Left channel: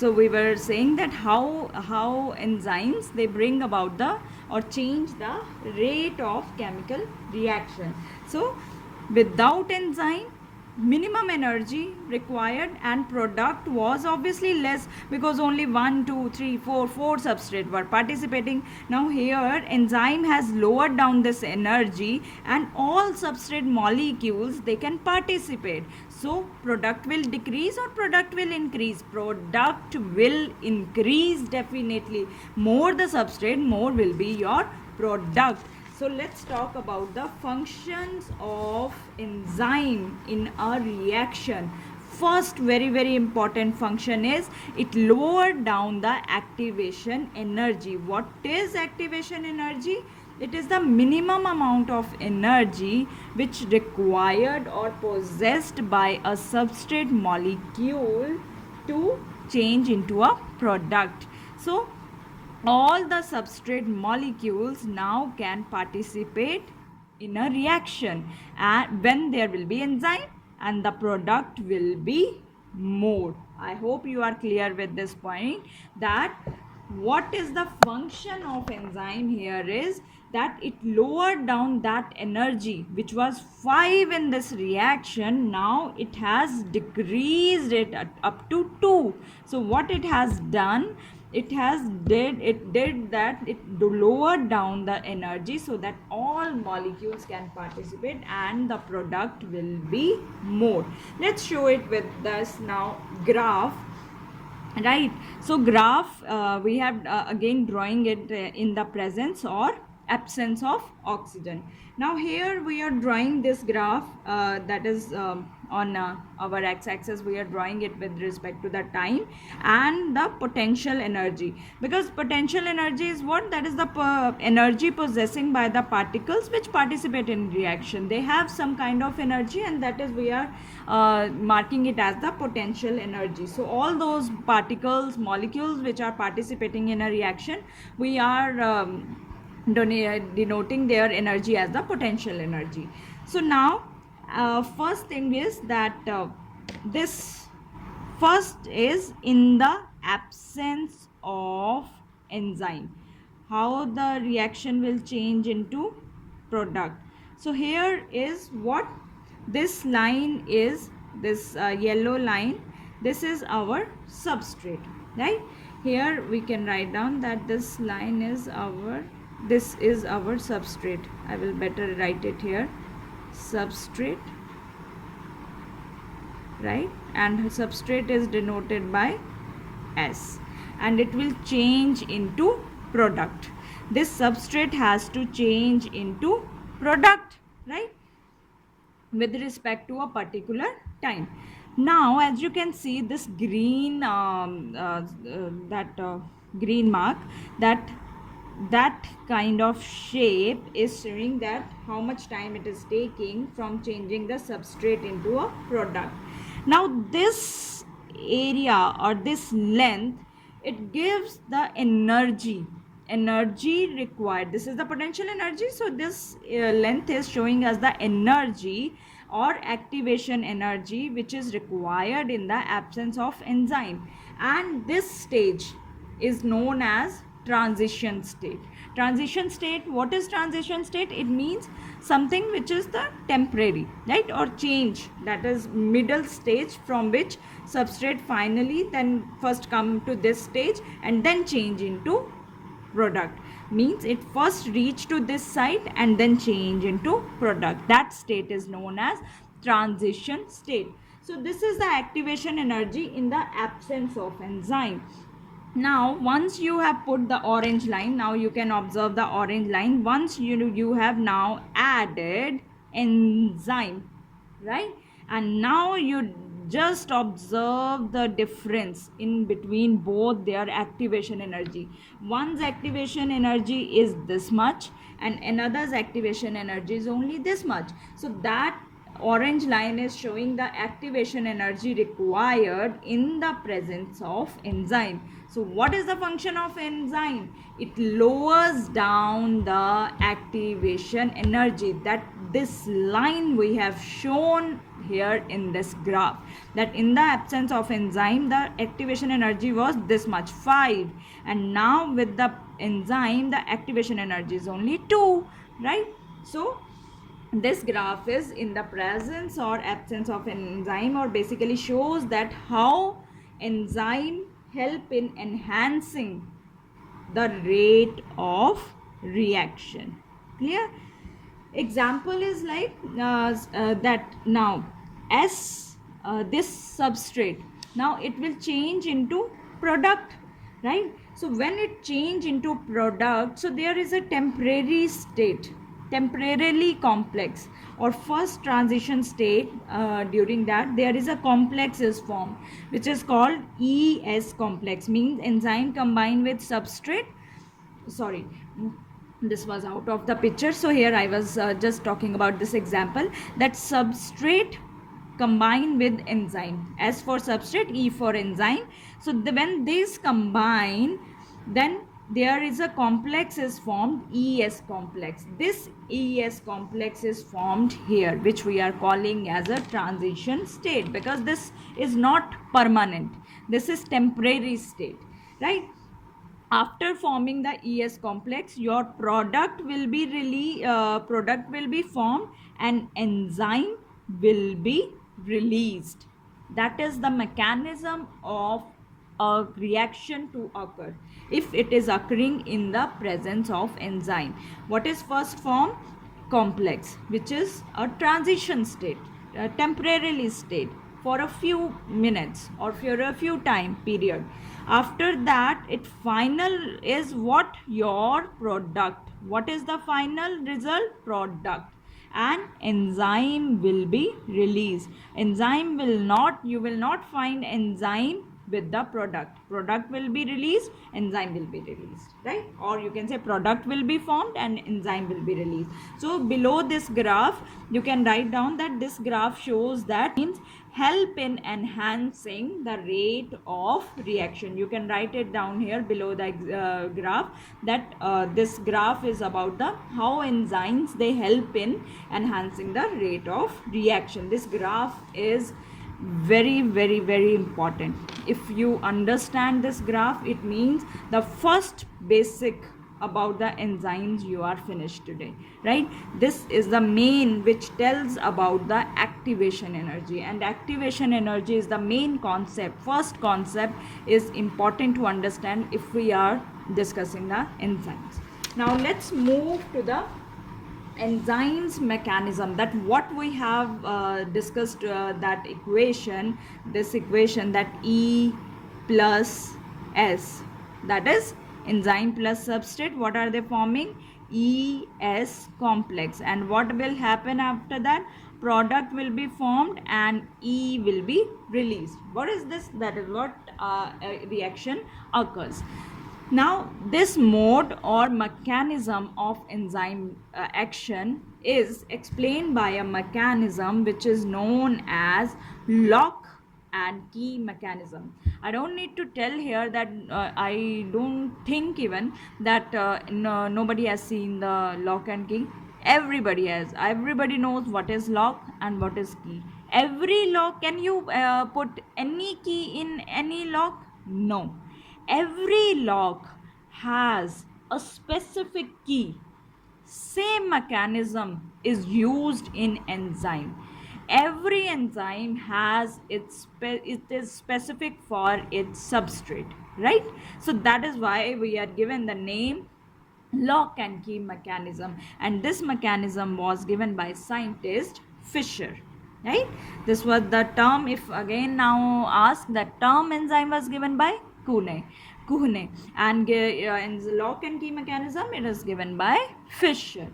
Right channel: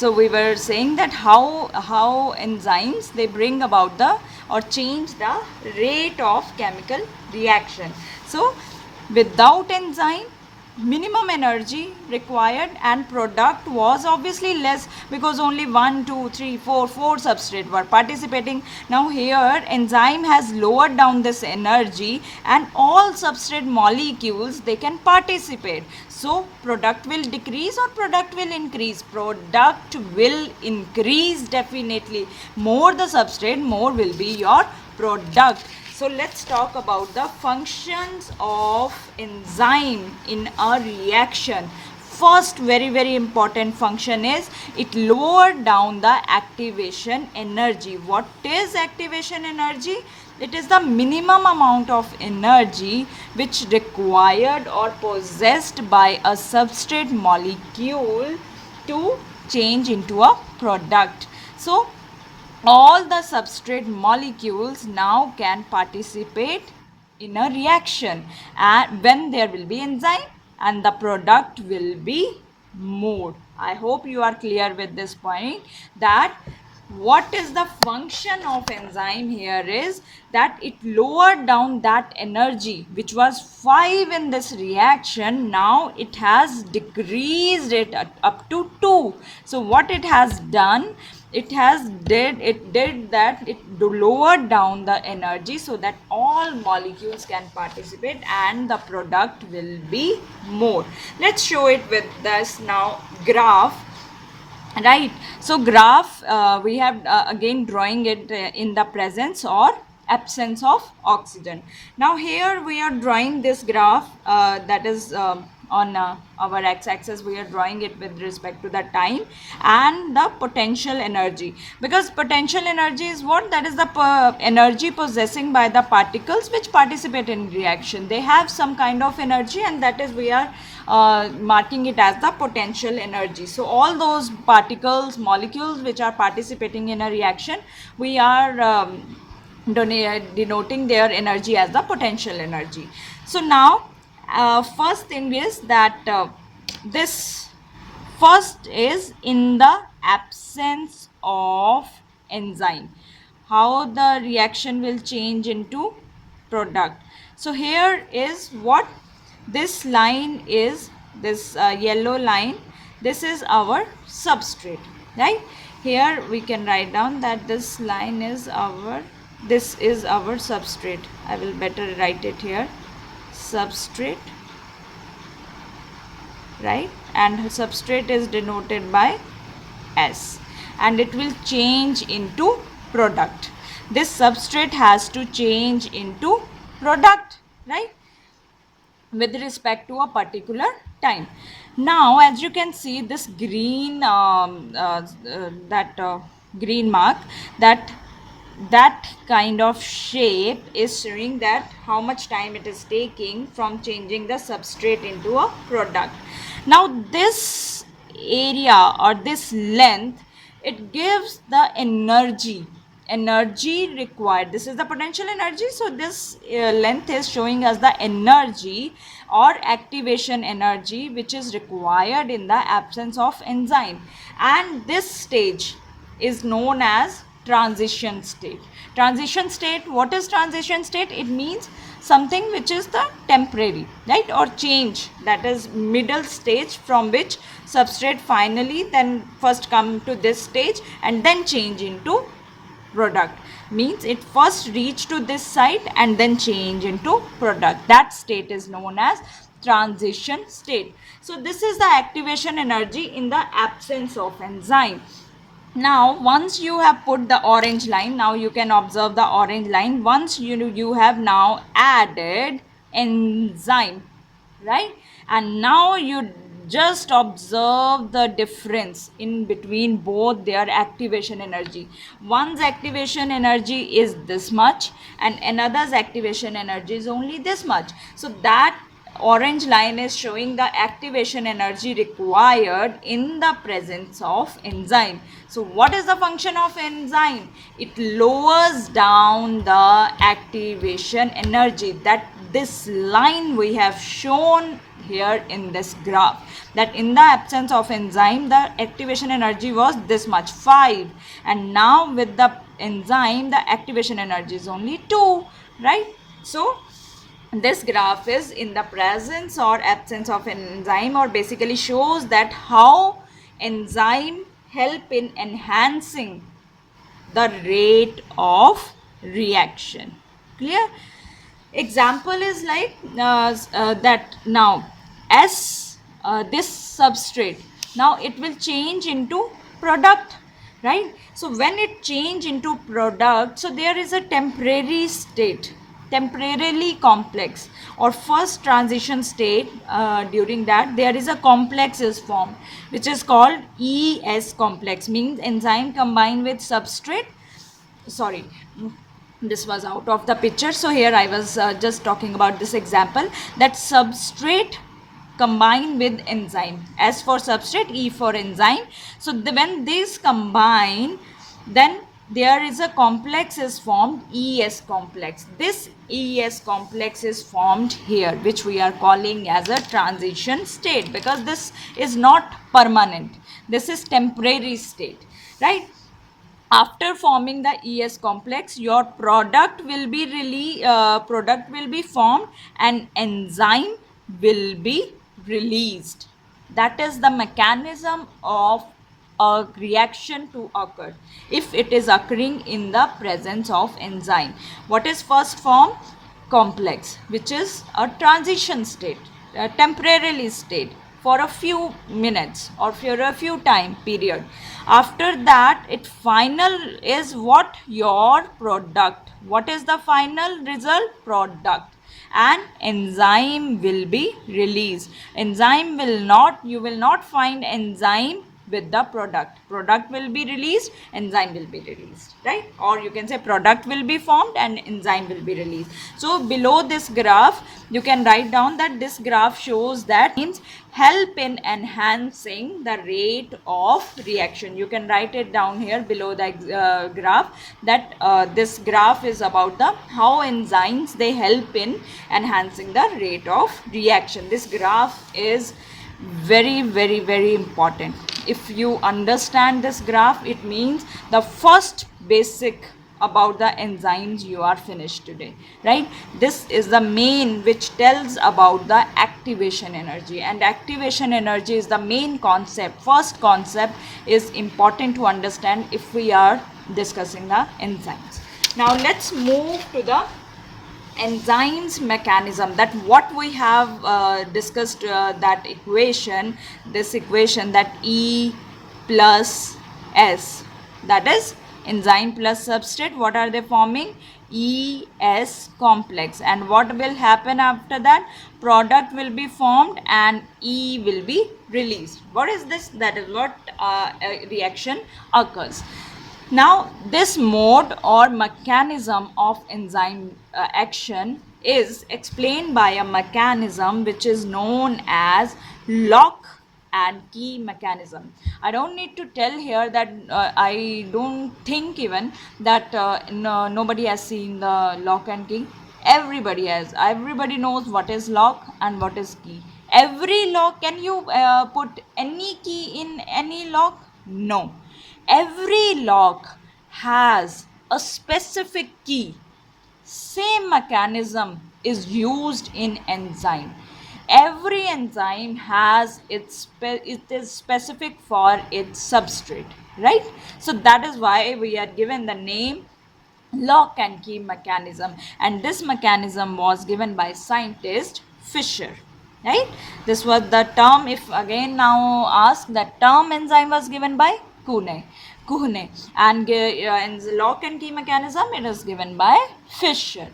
So we were saying that how enzymes, they bring about the or change the rate of chemical reaction. So without enzyme, minimum energy required and product was obviously less, because only 1 2 3 4 substrate were participating. Now here enzyme has lowered down this energy and all substrate molecules, they can participate. So product will decrease or product will increase? Product will increase definitely. More the substrate, more will be your product. So let's talk about the functions of enzyme in a reaction. First very important function is it lowered down the activation energy. What is activation energy? It is the minimum amount of energy which required or possessed by a substrate molecule to change into a product. So all the substrate molecules now can participate in a reaction, and when there will be enzyme and the product will be more. I hope you are clear with this point, that what is the function of enzyme here is that it lowered down that energy which was 5 in this reaction. Now it has decreased it up to 2. So what it has done, it did that it lowered down the energy so that all molecules can participate and the product will be more. Let's show it with this now graph. Right, so graph, we have again drawing it in the presence or absence of oxygen. Now here we are drawing this graph, that is on our x-axis we are drawing it with respect to the time and the potential energy, because potential energy is what? That is the energy possessing by the particles which participate in reaction. They have some kind of energy, and that is we are marking it as the potential energy. So all those particles, molecules which are participating in a reaction, we are denoting their energy as the potential energy. So now first thing is that this first is in the absence of enzyme, how the reaction will change into product. So here is what this line is, this yellow line, this is our substrate, right? Here we can write down that this line is our, this is our substrate. I will better write it here, substrate, right? And substrate is denoted by S, and it will change into product. This substrate has to change into product, right, with respect to a particular time. Now as you can see, this green green mark, that kind of shape is showing that how much time it is taking from changing the substrate into a product. Now this area or this length, it gives the energy required. This is the potential energy, so this length is showing us the energy or activation energy which is required in the absence of enzyme, and this stage is known as transition state. Transition state, what is transition state? It means something which is the temporary, right, or change, that is middle stage from which substrate finally then first come to this stage and then change into product. Means it first reach to this site and then change into product. That state is known as transition state. So this is the activation energy in the absence of enzyme. Now once you have put the orange line, now you can observe the orange line. Once you have now added enzyme, right, and now you just observe the difference in between both their activation energy. One's activation energy is this much and another's activation energy is only this much. So that orange line is showing the activation energy required in the presence of enzyme. So what is the function of enzyme? It lowers down the activation energy. That this line we have shown here in this graph, that in the absence of enzyme the activation energy was this much, 5, and now with the enzyme the activation energy is only 2, right? So this graph is in the presence or absence of an enzyme, or basically shows that how enzyme help in enhancing the rate of reaction. Clear? Example is like that now as this substrate, now it will change into product, right? So when it change into product, so there is a temporary state, temporarily complex or first transition state. During that there is a complex is formed which is called ES complex, means enzyme combined with substrate. Sorry, this was out of the picture, so here I was just talking about this example, that substrate combined with enzyme. S for substrate, E for enzyme. So when these combine, then there is a complex is formed, ES complex. This ES complex is formed here, which we are calling as a transition state, because this is not permanent, this is temporary state, right? After forming the ES complex, your product will be formed and enzyme will be released. That is the mechanism of a reaction to occur if it is occurring in the presence of enzyme. What is first formed? Complex, which is a transition state, a temporarily state for a few minutes or for a few time period. After that, it final is what? Your product. What is the final result? Product. And enzyme will be released. Enzyme will not, you will not find enzyme with the product will be released, enzyme will be released, right? Or you can say product will be formed and enzyme will be released. So below this graph you can write down that this graph shows that means help in enhancing the rate of reaction. You can write it down here below the graph, that this graph is about the how enzymes they help in enhancing the rate of reaction. This graph is very important. If you understand this graph, it means the first basic about the enzymes you are finished today, right? This is the main which tells about the activation energy, and activation energy is the main concept. First concept is important to understand if we are discussing the enzymes. Now let's move to the enzymes mechanism, that what we have discussed, that equation, this equation, that E plus S, that is enzyme plus substrate, what are they forming? ES complex. And what will happen after that? Product will be formed and E will be released. What is this? That is what a reaction occurs. Now this mode or mechanism of enzyme action is explained by a mechanism which is known as lock and key mechanism. I don't need to tell here that I don't think even that nobody has seen the lock and key. Everybody has. Everybody knows what is lock and what is key. Every lock, can you put any key in any lock? No. Every lock has a specific key. Same mechanism is used in enzyme. Every enzyme has it is specific for its substrate, right? So that is why we are given the name lock and key mechanism, and this mechanism was given by scientist Fischer, right? This was the term. If again now ask, the term enzyme was given by Kuhne, and in lock and key mechanism it is given by Fischer.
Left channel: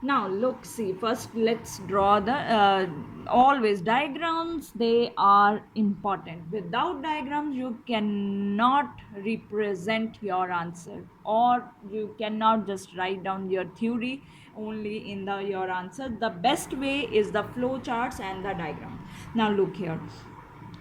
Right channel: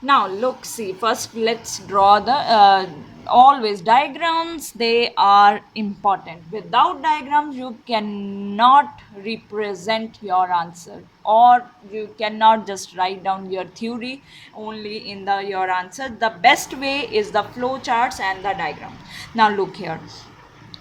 Now look, see, first let's draw the always diagrams. They are important. Without diagrams you cannot represent your answer, or you cannot just write down your theory only in the your answer. The best way is the flow charts and the diagram. Now look here,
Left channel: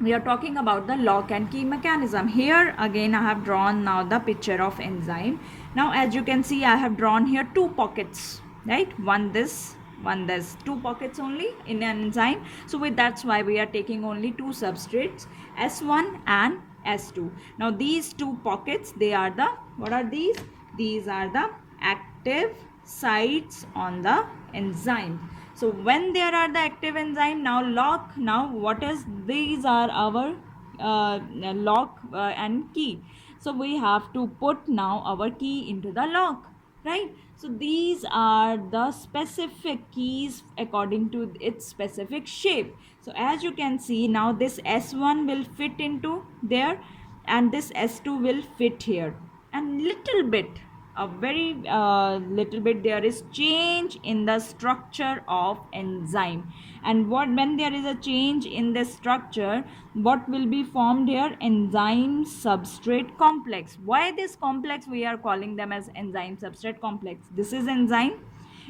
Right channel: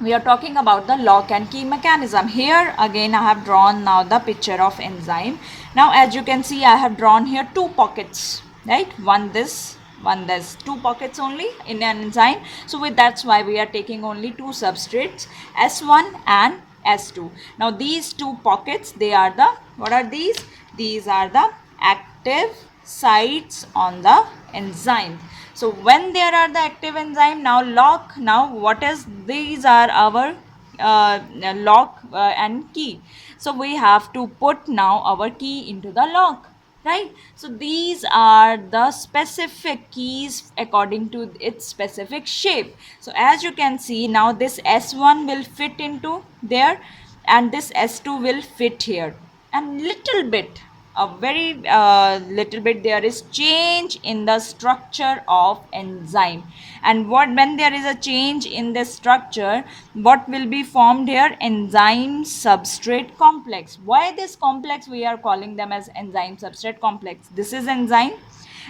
we are talking about the lock and key mechanism. Here again I have drawn now the picture of enzyme. Now as you can see, I have drawn here two pockets, right? One this, one, there's two pockets only in an enzyme. So that's why we are taking only two substrates, S1 and S2. Now these two pockets, they are the, what are these? These are the active sites on the enzyme. So when there are the active enzyme, now lock, now what is, these are our lock and key. So we have to put now our key into the lock, right? So these are the specific keys according to its specific shape. So as you can see, now this S1 will fit into there and this S2 will fit here, and little bit, a very little bit, there is change in the structure of enzyme. And when there is a change in the structure, what will be formed here? Enzyme substrate complex. Why this complex? We are calling them as enzyme substrate complex. This is enzyme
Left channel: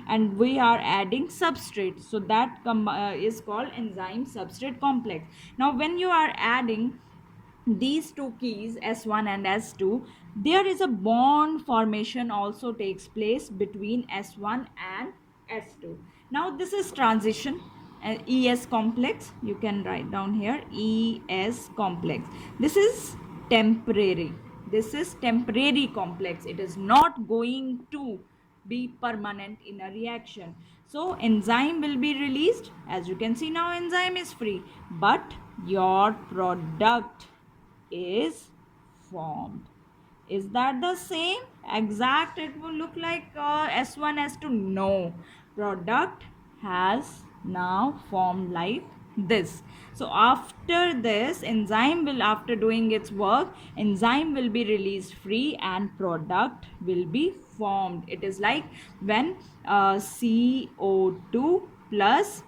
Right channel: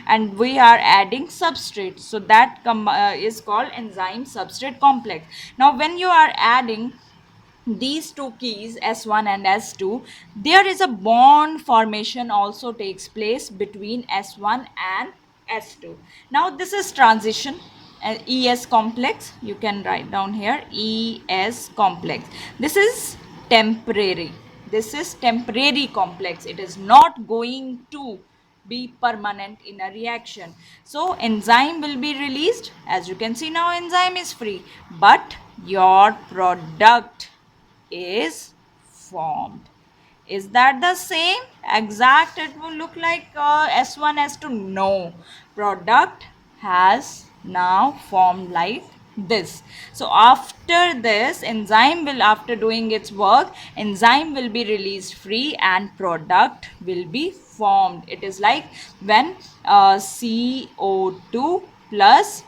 and we are adding substrate, so that is called enzyme substrate complex. Now when you are adding these two keys, S1 and S2, there is a bond formation also takes place between S1 and S2. Now this is transition, ES complex, you can write down here, ES complex. This is temporary, this is temporary complex, it is not going to be permanent in a reaction. So enzyme will be released, as you can see now enzyme is free, but your product is formed. Is that the same? Exact, it will look like S1, S2. No, product has now formed like this. So after this, enzyme will, after doing its work, enzyme will be released free and product will be formed. It is like when CO2 plus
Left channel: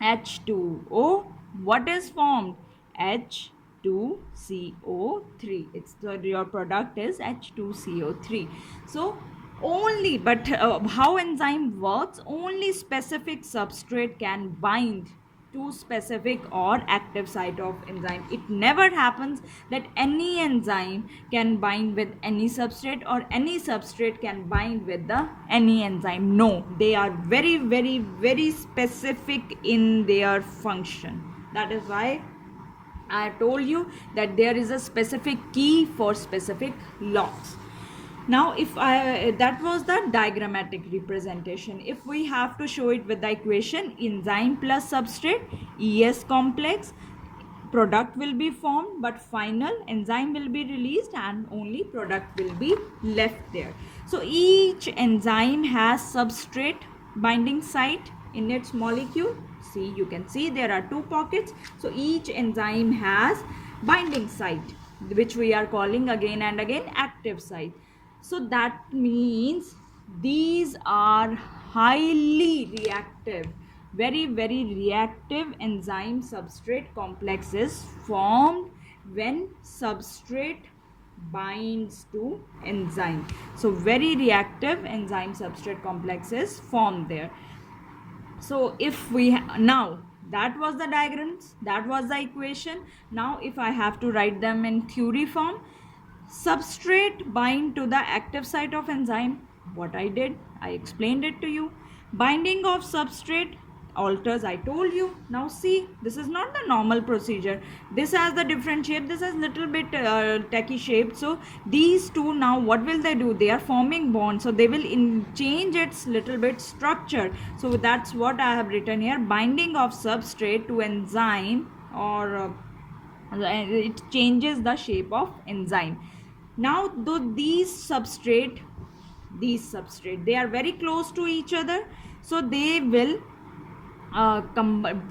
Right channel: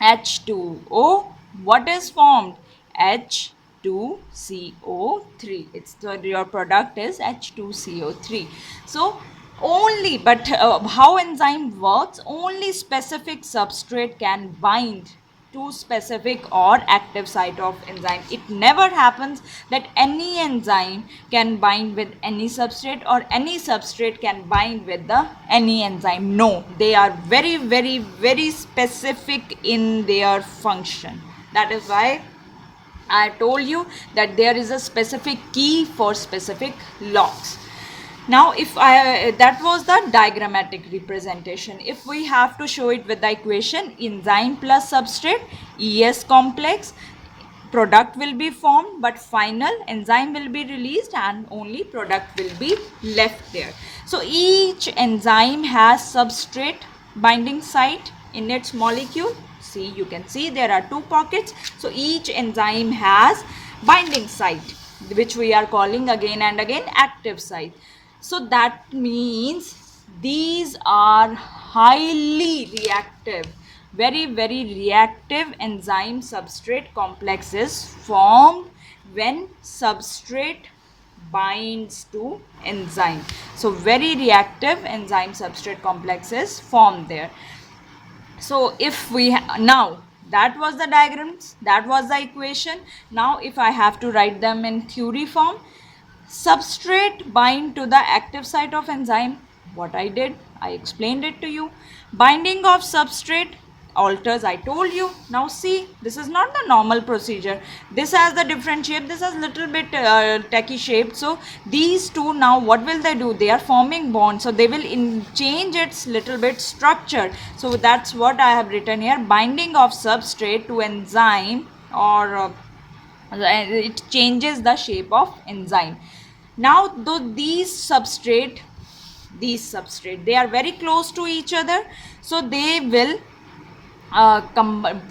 H2O, what is formed? H2CO3. It's the, your product is H2CO3. So only, but how enzyme works, only specific substrate can bind to specific or active site of enzyme. It never happens that any enzyme can bind with any substrate or any substrate can bind with the any enzyme. No, they are very, very, very specific in their function. That is why I told you that there is a specific key for specific locks. Now if I, that was the diagrammatic representation. If we have to show it with the equation, enzyme plus substrate, ES complex, product will be formed, but final enzyme will be released and only product will be left there. So each enzyme has substrate binding site in its molecule. See, you can see there are two pockets. So each enzyme has binding site, which we are calling again and again active site. So that means these are highly reactive, very, very reactive enzyme substrate complexes formed when substrate binds to enzyme. So very reactive enzyme substrate complexes formed there. So if we now, that was the diagrams, that was the equation. Now if I have to write them in theory form, substrate bind to the active site of enzyme. What I did, I explained it to you. Binding of substrate alters, I told you. Now see, this is not the normal procedure. This has the different shape, this has little bit tacky shape. So these two, now what will they do? They are forming bonds, so they will change its little bit structure. So that's what I have written here. Binding of substrate to enzyme, or it changes the shape of enzyme. Now though these substrate, they are very close to each other, so they will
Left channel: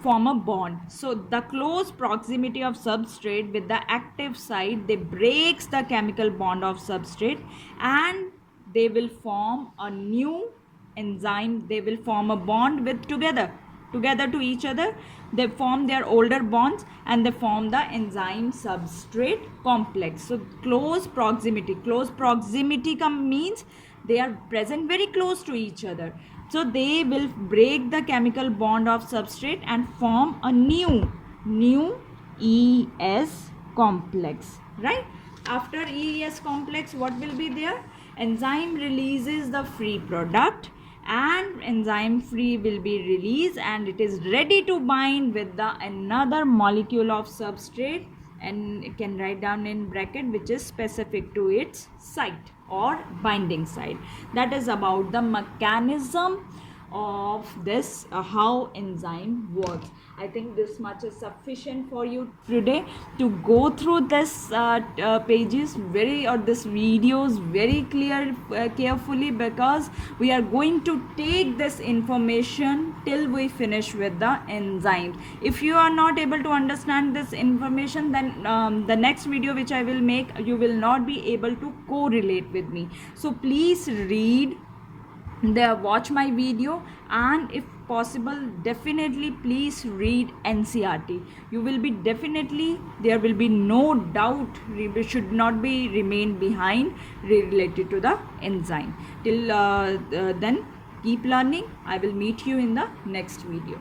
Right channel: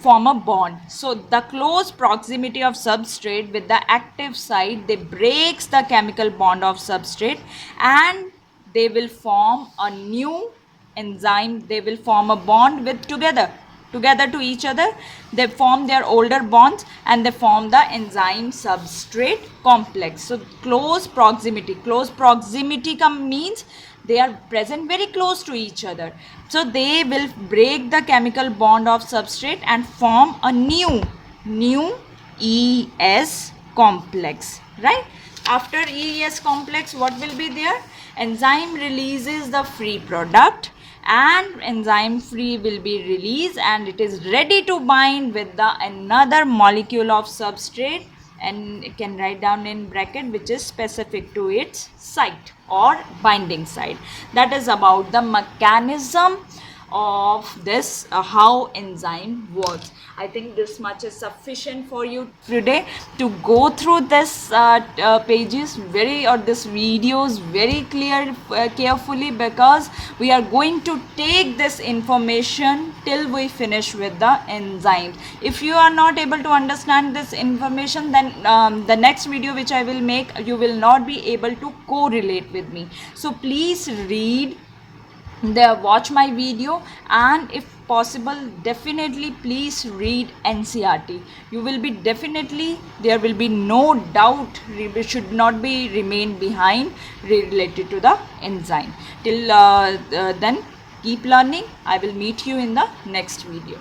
form a bond. So the close proximity of substrate with the active site, they breaks the chemical bond of substrate and they will form a new enzyme. They will form a bond with together to each other. They form their older bonds and they form the enzyme substrate complex. So close proximity means they are present very close to each other. So they will break the chemical bond of substrate and form a new ES complex, right? After ES complex, what will be there? Enzyme releases the free product and enzyme free will be released, and it is ready to bind with the another molecule of substrate, and it can write down in bracket which is specific to its site or binding site. That is about the mechanism of this, how enzyme works. I think this much is sufficient for you today to go through this pages very, or this videos very carefully, because we are going to take this information till we finish with the enzymes. If you are not able to understand this information, then the next video which I will make, you will not be able to correlate with me. So please read there, watch my video, and if possible definitely please read NCERT. You will be definitely, there will be no doubt, should not be remain behind related to the enzyme. Till then, keep learning. I will meet you in the next video.